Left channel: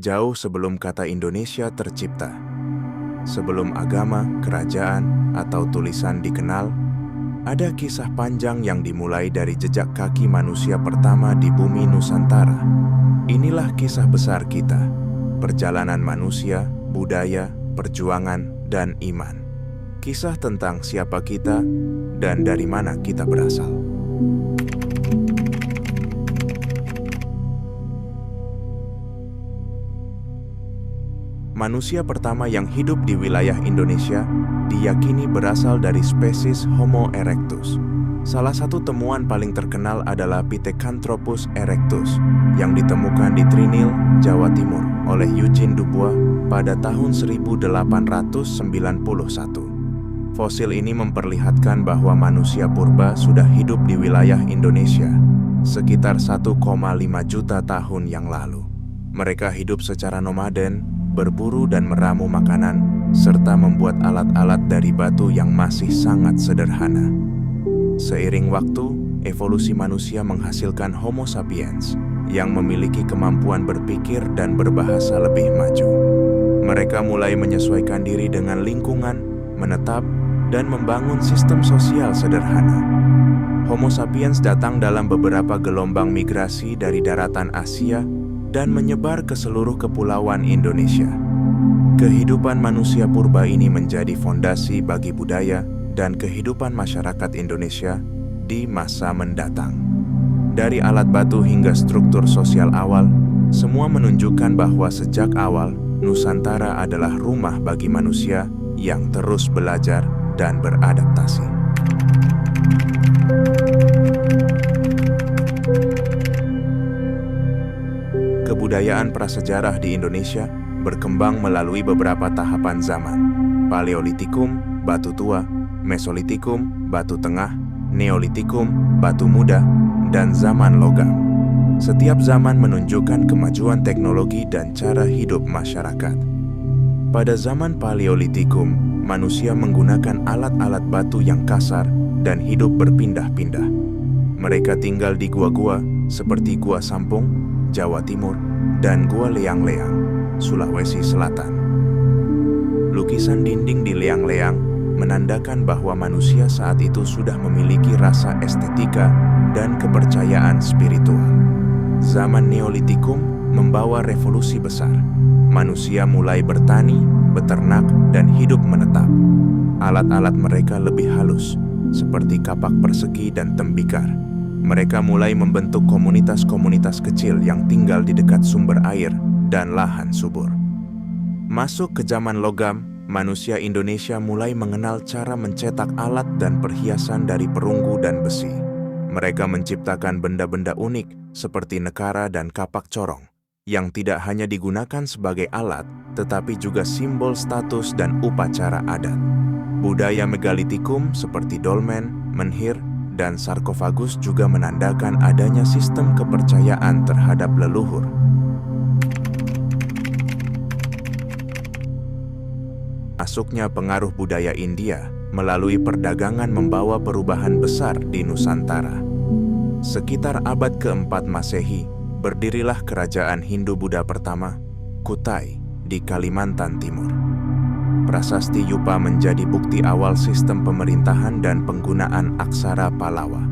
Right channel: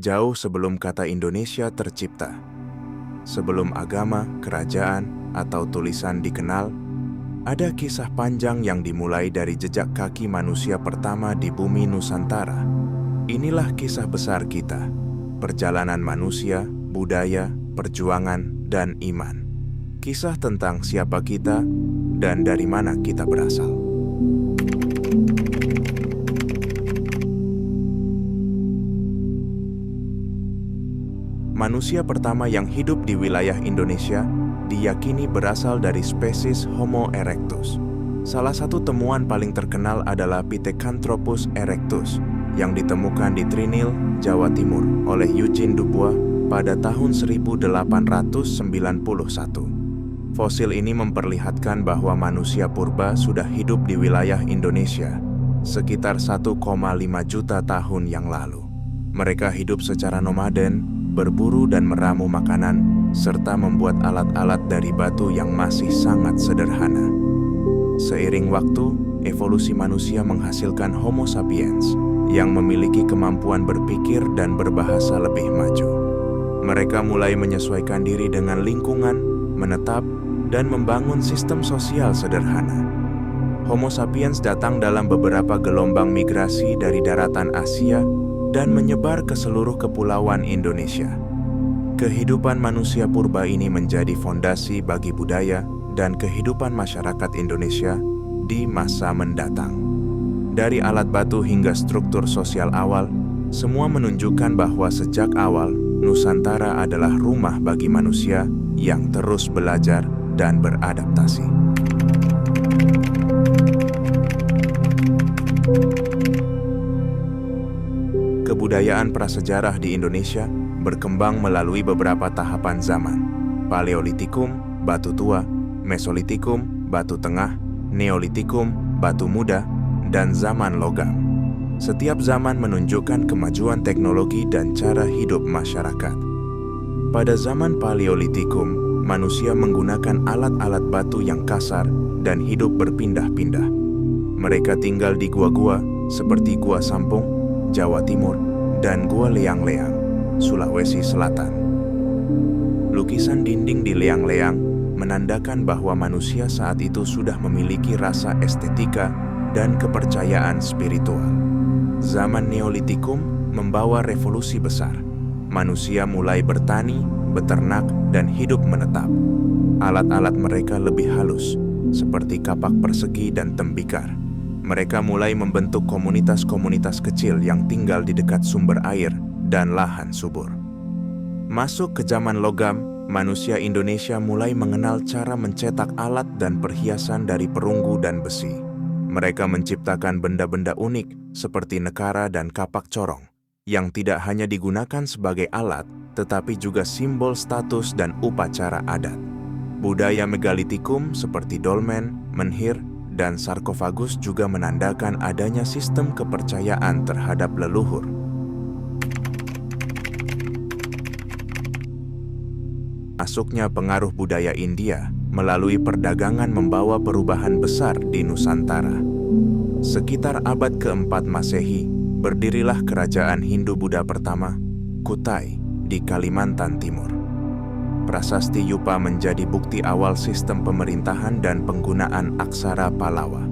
jauh sebelum kata Indonesia tercipta. Sebelum agama, kerajaan, atau tulisan dikenal, ada kisah panjang yang dimulai dari jejak kaki manusia pertama di bumi Nusantara. Inilah kisah besar kita, perjalanan manusia, budaya, perjuangan, dan iman. Kisah tentang siapa kita dan dari mana kita berasal. Manusia pertama yang hidup di wilayah Indonesia diyakini berasal dari spesies Homo erectus. Salah satu temuan paling terkenal adalah Pithecanthropus erectus yang ditemukan di Trinil, Jawa Timur oleh Eugene Dubois pada tahun 1891. Fosil ini memperlihatkan bahwa manusia purba sudah hidup di wilayah Indonesia sekitar 1,5 juta tahun yang lalu. Mereka hidup secara nomaden, berburu dan meramu makanan, serta membuat alat-alat dari batu yang masih sangat sederhana. Seiring waktu, evolusi manusia menghasilkan Homo sapiens yang memiliki kemampuan berpikir dan berbahasa lebih maju. Mereka mulai menyesuaikan diri dengan lingkungan, menetap, dan membangun sistem sosial sederhana. Homo sapiens datang dalam beberapa gelombang migrasi dari daratan Asia dan menyebar ke seluruh kepulauan Indonesia. Kehidupan manusia purba ini menjadi fondasi bagi budaya dan kehidupan masyarakat Indonesia di masa mendatang. Dari alat batu hingga struktur sosial awal, semua menunjukkan bahwa sejak awal, Nusantara adalah rumah bagi manusia yang terus belajar dan beradaptasi. Kebudayaan prasejarah di Indonesia berkembang melalui beberapa tahapan zaman: Paleolitikum, batu tua; Mesolitikum, batu tengah; Neolitikum, batu muda; dan zaman logam. Setiap zaman menunjukkan kemajuan teknologi dan cara hidup masyarakat. Pada zaman Paleolitikum, manusia menggunakan alat-alat batu yang kasar dan hidup berpindah-pindah. Mereka tinggal di gua-gua seperti Gua Sampung, Jawa Timur, dan Gua Leang-Leang, Sulawesi Selatan. Lukisan dinding di Leang-Leang menandakan bahwa manusia saat itu sudah memiliki rasa estetika dan kepercayaan spiritual. Zaman Neolitikum membawa revolusi besar. Manusia mulai bertani, beternak, dan hidup menetap. Alat-alat mereka lebih halus, seperti kapak persegi dan tembikar. Mereka mulai membentuk komunitas-komunitas kecil yang tinggal di dekat sumber air dan lahan subur. Masuk ke zaman logam, manusia Indonesia mulai mengenal cara mencetak alat dan perhiasan dari perunggu dan besi. Mereka menciptakan benda-benda unik seperti nekara dan kapak corong, yang tidak hanya digunakan sebagai alat, tetapi juga simbol status dan upacara adat. Budaya megalitikum seperti dolmen, menhir, dan sarkofagus juga menandakan adanya sistem kepercayaan terhadap leluhur. Masuknya pengaruh budaya India melalui perdagangan membawa perubahan besar di Nusantara. Sekitar abad keempat Masehi, berdirilah kerajaan Hindu-Buddha pertama, Kutai, di Kalimantan Timur. Prasasti Yupa menjadi bukti awal sistem pemerintahan dan penggunaan aksara Palawa.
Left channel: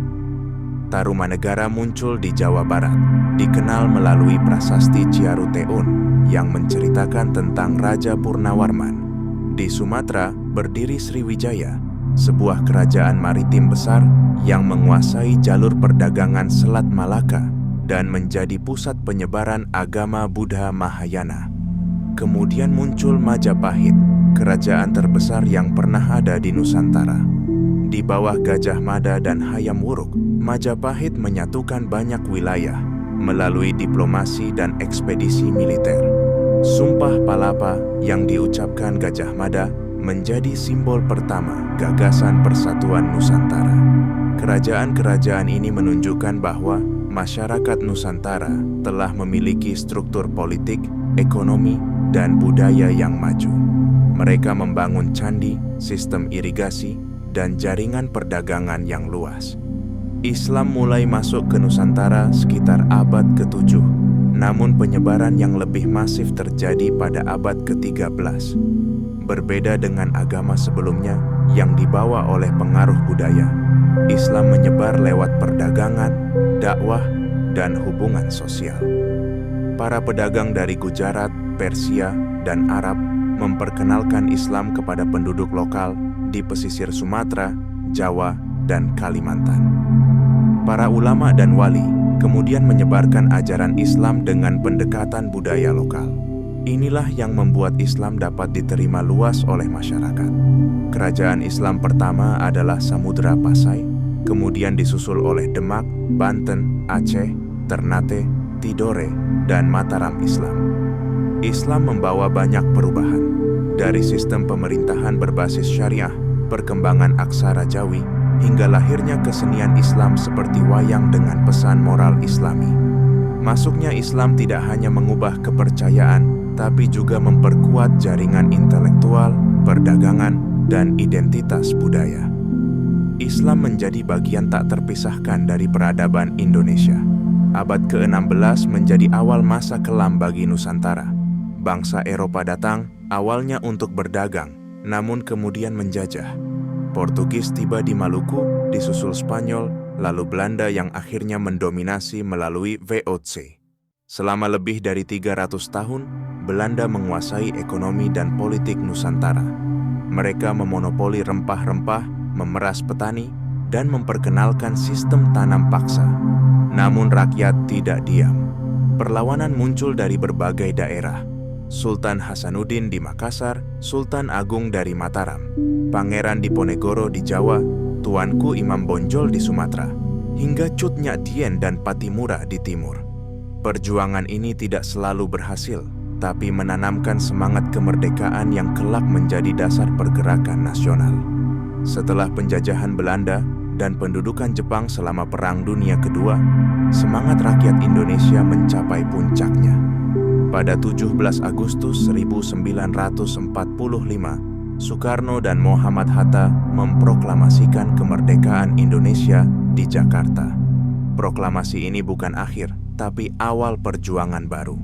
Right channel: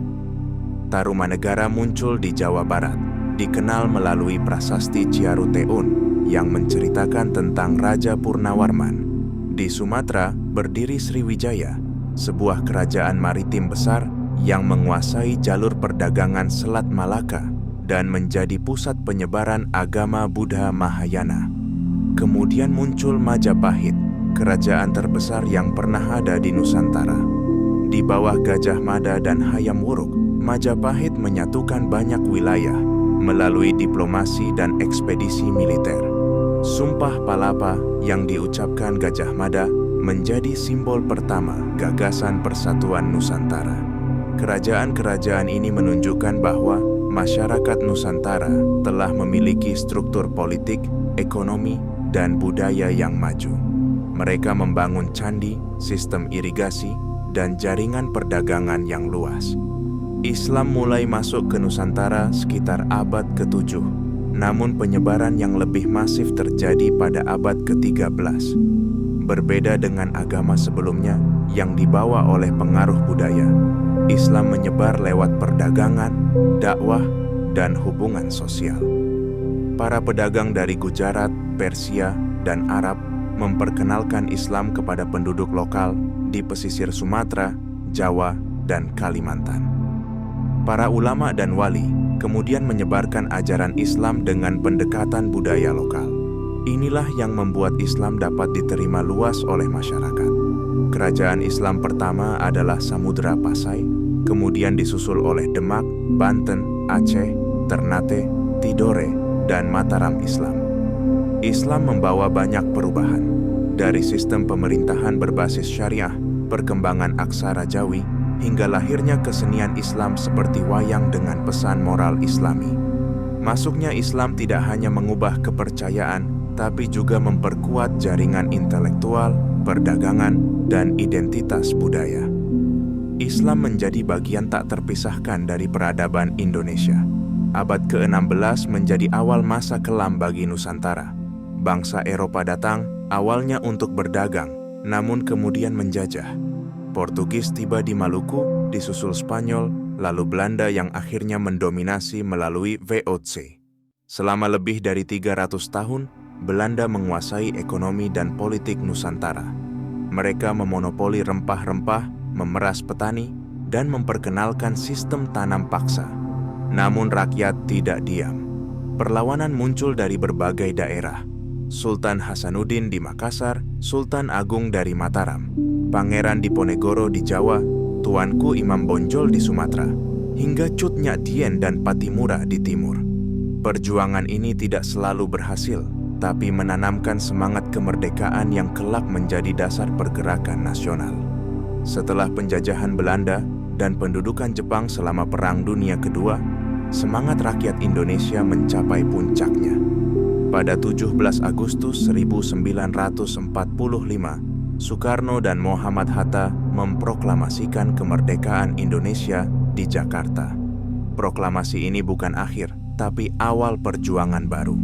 Tarumanegara muncul di Jawa Barat, dikenal melalui prasasti Ciaruteun yang menceritakan tentang Raja Purnawarman. Di Sumatera berdiri Sriwijaya, sebuah kerajaan maritim besar yang menguasai jalur perdagangan Selat Malaka dan menjadi pusat penyebaran agama Buddha Mahayana. Kemudian muncul Majapahit, kerajaan terbesar yang pernah ada di Nusantara. Di bawah Gajah Mada dan Hayam Wuruk, Majapahit menyatukan banyak wilayah melalui diplomasi dan ekspedisi militer. Sumpah Palapa yang diucapkan Gajah Mada menjadi simbol pertama gagasan persatuan Nusantara. Kerajaan-kerajaan ini menunjukkan bahwa masyarakat Nusantara telah memiliki struktur politik, ekonomi, dan budaya yang maju. Mereka membangun candi, sistem irigasi, dan jaringan perdagangan yang luas. Islam mulai masuk ke Nusantara sekitar abad ke-7. namun penyebaran yang lebih masif terjadi pada abad ke-13. Berbeda dengan agama sebelumnya yang dibawa oleh pengaruh budaya, Islam menyebar lewat perdagangan, dakwah, dan hubungan sosial. Para pedagang dari Gujarat, Persia, dan Arab memperkenalkan Islam kepada penduduk lokal di pesisir Sumatera, Jawa, dan Kalimantan. Para ulama dan wali kemudian menyebarkan ajaran Islam dengan pendekatan budaya lokal. Inilah yang membuat Islam dapat diterima luas oleh masyarakat. Kerajaan Islam pertama adalah Samudra Pasai, kemudian disusul oleh Demak, Banten, Aceh, Ternate, Tidore, dan Mataram Islam. Islam membawa banyak perubahan, dari sistem pemerintahan berbasis syariah, perkembangan aksara Jawi, hingga lahirnya kesenian Islam seperti wayang dengan pesan moral Islami. Masuknya Islam tidak hanya mengubah kepercayaan, tapi juga memperkuat jaringan intelektual, perdagangan, dan identitas budaya. Islam menjadi bagian tak terpisahkan dari peradaban Indonesia. Abad ke-16 menjadi awal masa kelam bagi Nusantara. Bangsa Eropa datang, awalnya untuk berdagang, namun kemudian menjajah. Portugis tiba di Maluku, disusul Spanyol, lalu Belanda yang akhirnya mendominasi melalui VOC. Selama lebih dari 300 tahun, Belanda menguasai ekonomi dan politik Nusantara. Mereka memonopoli rempah-rempah, memeras petani, dan memperkenalkan sistem tanam paksa. Namun rakyat tidak diam. Perlawanan muncul dari berbagai daerah. Sultan Hasanuddin di Makassar, Sultan Agung dari Mataram, Pangeran Diponegoro di Jawa, Tuanku Imam Bonjol di Sumatera, hingga Cut Nyak Dien dan Patimura di timur. Perjuangan ini tidak selalu berhasil, tapi menanamkan semangat kemerdekaan yang kelak menjadi dasar pergerakan nasional. Setelah penjajahan Belanda dan pendudukan Jepang selama Perang Dunia Kedua, semangat rakyat Indonesia mencapai puncaknya. Pada 17 Agustus 1945, Soekarno dan Muhammad Hatta memproklamasikan kemerdekaan Indonesia di Jakarta. Proklamasi ini bukan akhir, tapi awal perjuangan baru.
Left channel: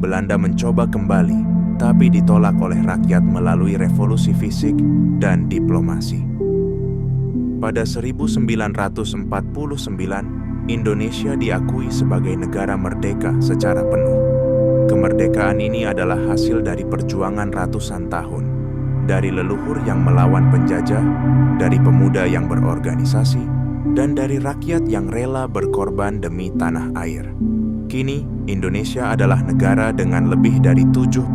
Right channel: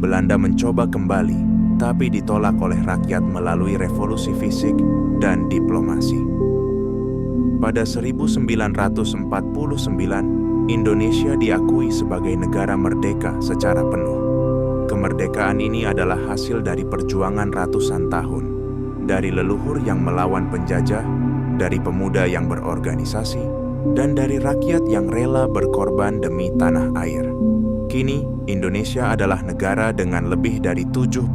Belanda mencoba kembali, tapi ditolak oleh rakyat melalui revolusi fisik dan diplomasi. Pada 1949, Indonesia diakui sebagai negara merdeka secara penuh. Kemerdekaan ini adalah hasil dari perjuangan ratusan tahun, dari leluhur yang melawan penjajah, dari pemuda yang berorganisasi, dan dari rakyat yang rela berkorban demi tanah air. Kini, Indonesia adalah negara dengan lebih dari 17.000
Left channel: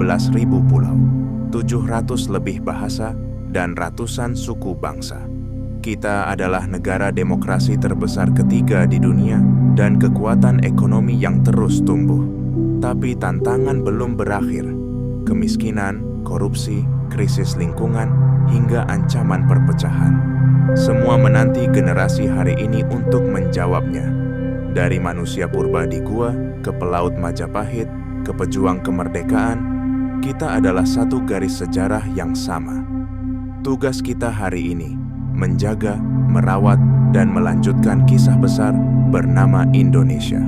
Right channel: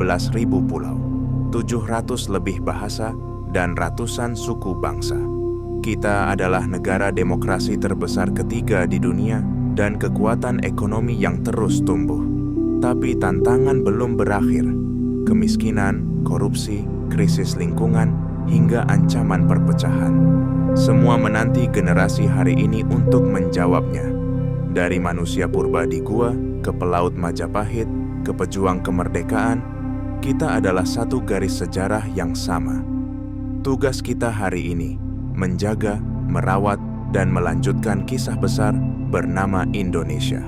pulau, 700 lebih bahasa, dan ratusan suku bangsa. Kita adalah negara demokrasi terbesar ketiga di dunia dan kekuatan ekonomi yang terus tumbuh. Tapi tantangan belum berakhir. Kemiskinan, korupsi, krisis lingkungan, hingga ancaman perpecahan. Semua menanti generasi hari ini untuk menjawabnya. Dari manusia purba di gua, ke pelaut Majapahit, ke pejuang kemerdekaan, kita adalah satu garis sejarah yang sama. Tugas kita hari ini, menjaga, merawat, dan melanjutkan kisah besar bernama Indonesia.